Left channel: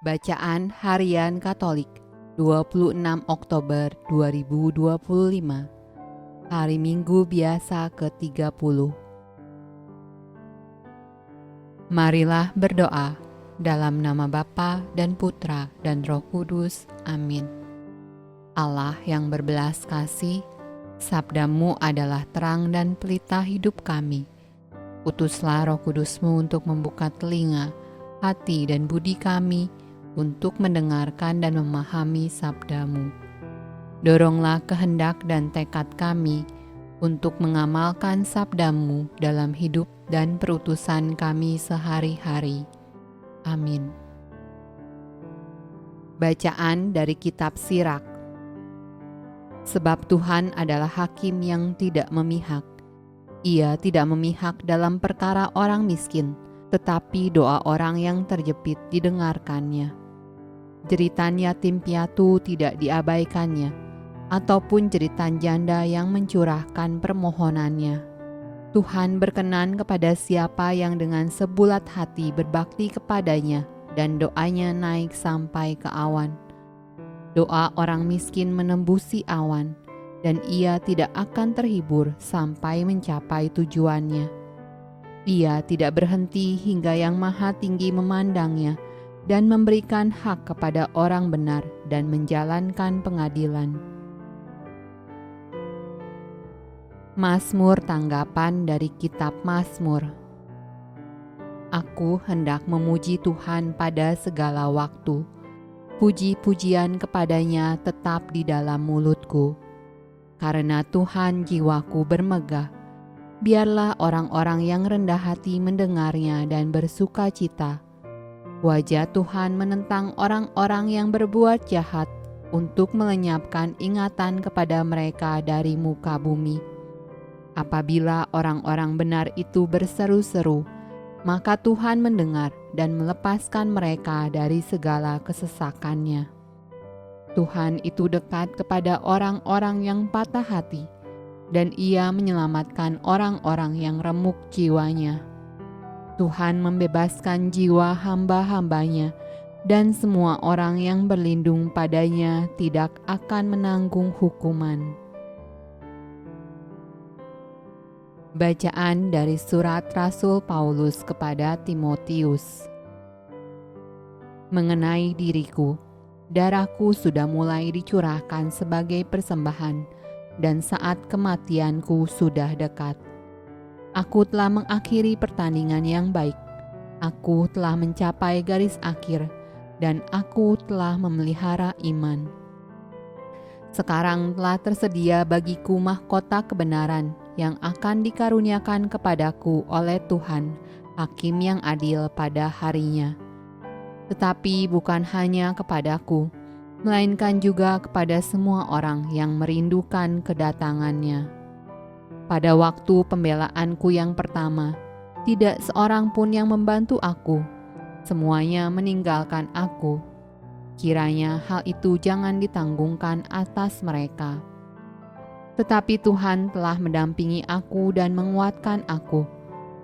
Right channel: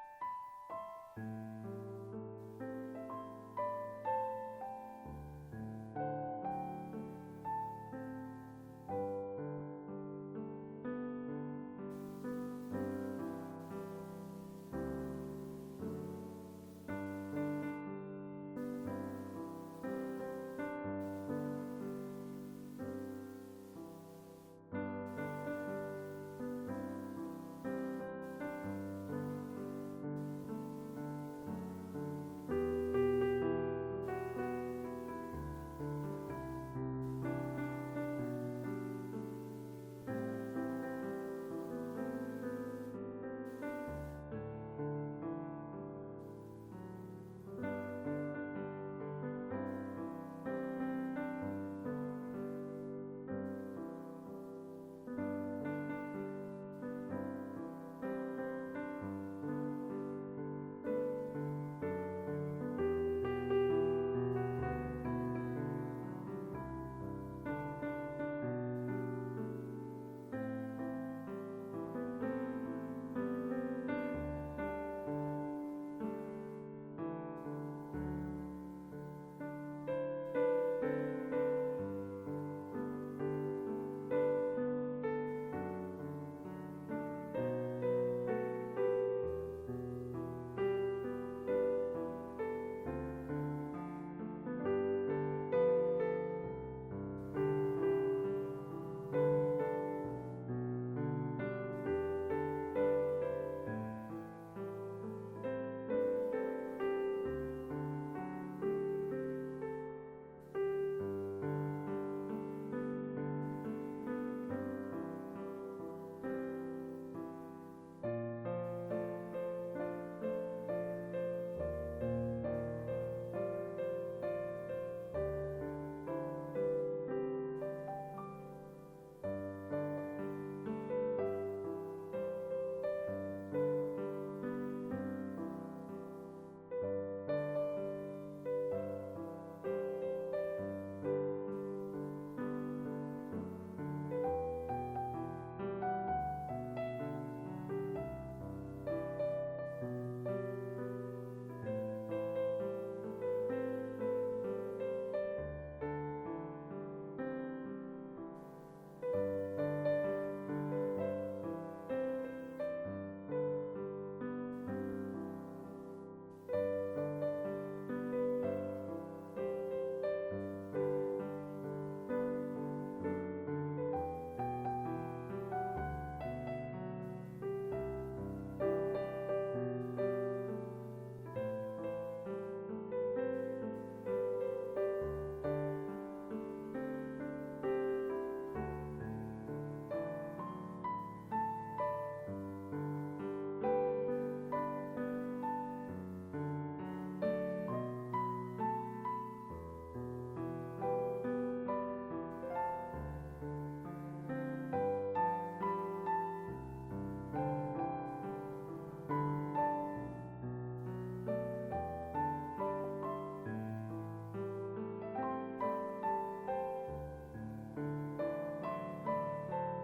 Bacaan Harian Katolik 26 Oktober 2025, Hari Minggu Biasa ke-30. Marilah berdoa dalam nama Bapa dan Putra dan Roh Kudus. Amin. Allah yang berbelas kasih, sabdamu adalah terang dan pelita hidup kami. Utuslah Roh Kudusmu untuk membuka telinga, hati dan budi kami untuk mendengarkan dan memahami sabdamu. Doronglah kehendak dan tekad kami untuk mengamalkan sabdamu dalam hidup dan perutusan kami sehari-hari. Amin. Bacaan dari Kitab Sirach. Sebab Tuhan adalah hakim yang tidak memihak. Ia tidak memihak dalam perkara orang miskin, tetapi doa orang yang terjepit didengarkannya. Jeritan yatim piatu tidak diabaikannya, ataupun jeritan janda yang mencurahkan permohonannya. Tuhan berkenan kepada siapa yang dengan sebulat hati berbakti kepadanya dan doanya naik sampai ke awan. Doa orang miskin menembusi awan, dan ia tidak akan terhibur sampai mencapai tujuannya. Ia tidak berhenti hingga Yang Maha Tinggi memandangnya dan memberikan hak kepada orang benar dan menjalankan pengadilan. Mazmur tanggapan dari Kitab Mazmur. Aku hendak memuji Tuhan pada segala waktu. Puji-pujian kepadanya tetap di dalam mulutku. Karena Tuhan jiwaku bermegah, biarlah orang-orang yang rendah hati mendengarnya dan bersuka cita. Wajah Tuhan menentang orang-orang yang berbuat jahat untuk melenyapkan ingatan kepada mereka dari muka bumi. Apabila orang-orang benar itu berseru-seru, maka Tuhan mendengar dan melepaskan mereka dari segala kesesakannya. Tuhan itu dekat kepada orang-orang yang patah hati, dan Ia menyelamatkan orang-orang yang remuk jiwanya. Tuhan membebaskan jiwa hamba-hambanya, dan semua orang yang berlindung padanya tidak akan menanggung hukuman. Bacaan dari Surat Rasul Paulus kepada Timotius. Mengenai diriku, darahku sudah mulai dicurahkan sebagai persembahan, dan saat kematianku sudah dekat. Aku telah mengakhiri pertandingan yang baik. Aku telah mencapai garis akhir, dan aku telah memelihara iman. Sekarang telah tersedia bagiku mahkota kebenaran yang akan dikaruniakan kepadaku oleh Tuhan, Hakim yang adil pada harinya. Tetapi bukan hanya kepadaku, melainkan juga kepada semua orang yang merindukan kedatangannya. Pada waktu pembelaanku yang pertama, tidak seorang pun yang membantu aku. Semuanya meninggalkan aku. Kiranya hal itu jangan ditanggungkan atas mereka. Tetapi Tuhan telah mendampingi aku dan menguatkan aku,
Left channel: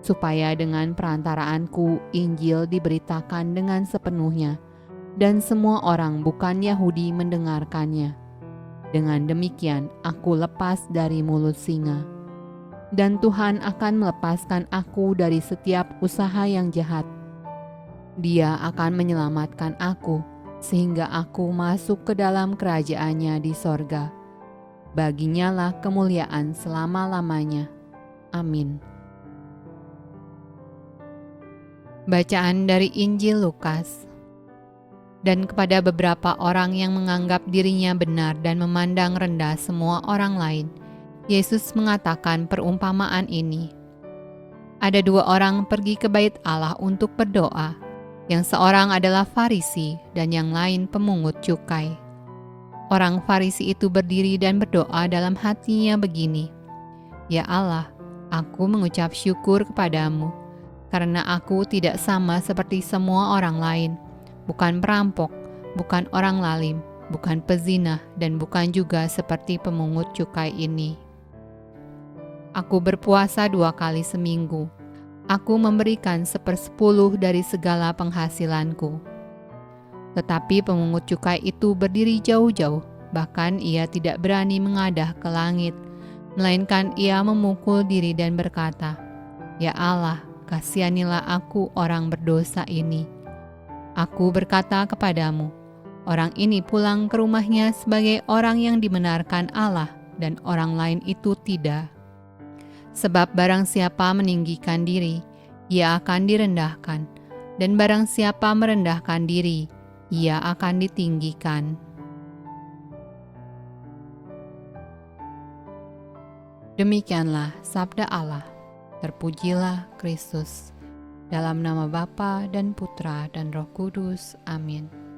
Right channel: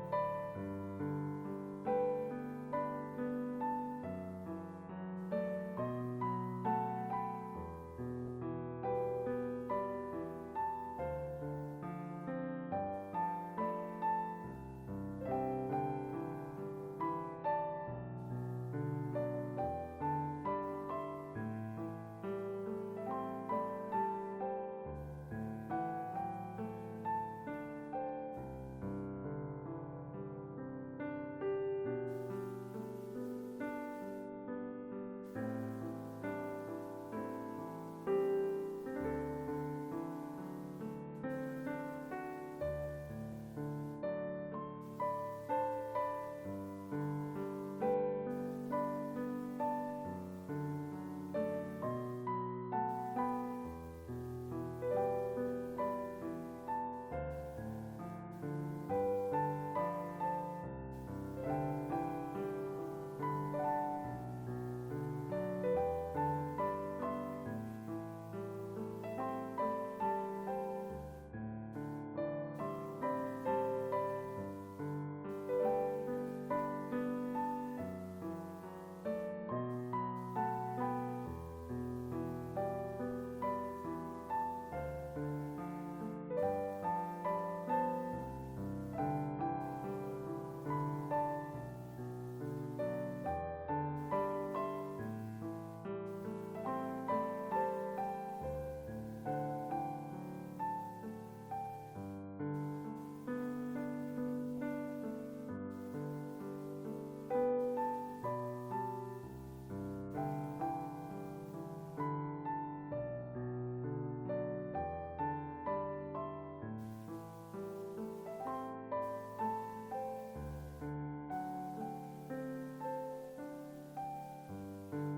supaya dengan perantaraanku Injil diberitakan dengan sepenuhnya, dan semua orang bukan Yahudi mendengarkannya. Dengan demikian aku lepas dari mulut singa. Dan Tuhan akan melepaskan aku dari setiap usaha yang jahat. Dia akan menyelamatkan aku, sehingga aku masuk ke dalam kerajaan-Nya di sorga. Baginya lah kemuliaan selama-lamanya. Amin. Bacaan dari Injil Lukas. Dan kepada beberapa orang yang menganggap dirinya benar dan memandang rendah semua orang lain, Yesus mengatakan perumpamaan ini. Ada dua orang pergi ke bait Allah untuk berdoa. Yang seorang adalah Farisi dan yang lain pemungut cukai. Orang Farisi itu berdiri dan berdoa dalam hatinya begini, Ya Allah, aku mengucap syukur kepadamu, karena aku tidak sama seperti semua orang lain, bukan perampok, bukan orang lalim, bukan pezina, dan bukan juga seperti pemungut cukai ini. Aku berpuasa 2 kali seminggu. Aku memberikan 1/10 dari segala penghasilanku. Tetapi pemungut cukai itu berdiri jauh-jauh, bahkan ia tidak berani mengadah ke langit, melainkan ia memukul diri dan berkata, "Ya Allah, kasihanilah aku orang berdosa ini." Aku berkata kepadamu, orang ini pulang ke rumahnya sebagai orang yang dibenarkan Allah, dan orang lain itu tidak. Sebab barang siapa meninggikan diri, ia akan direndahkan, dan barang siapa merendahkan diri, ia akan ditinggikan. Demikianlah sabda Allah. Terpujilah Kristus. Dalam nama Bapa dan Putra dan Roh Kudus. Amin.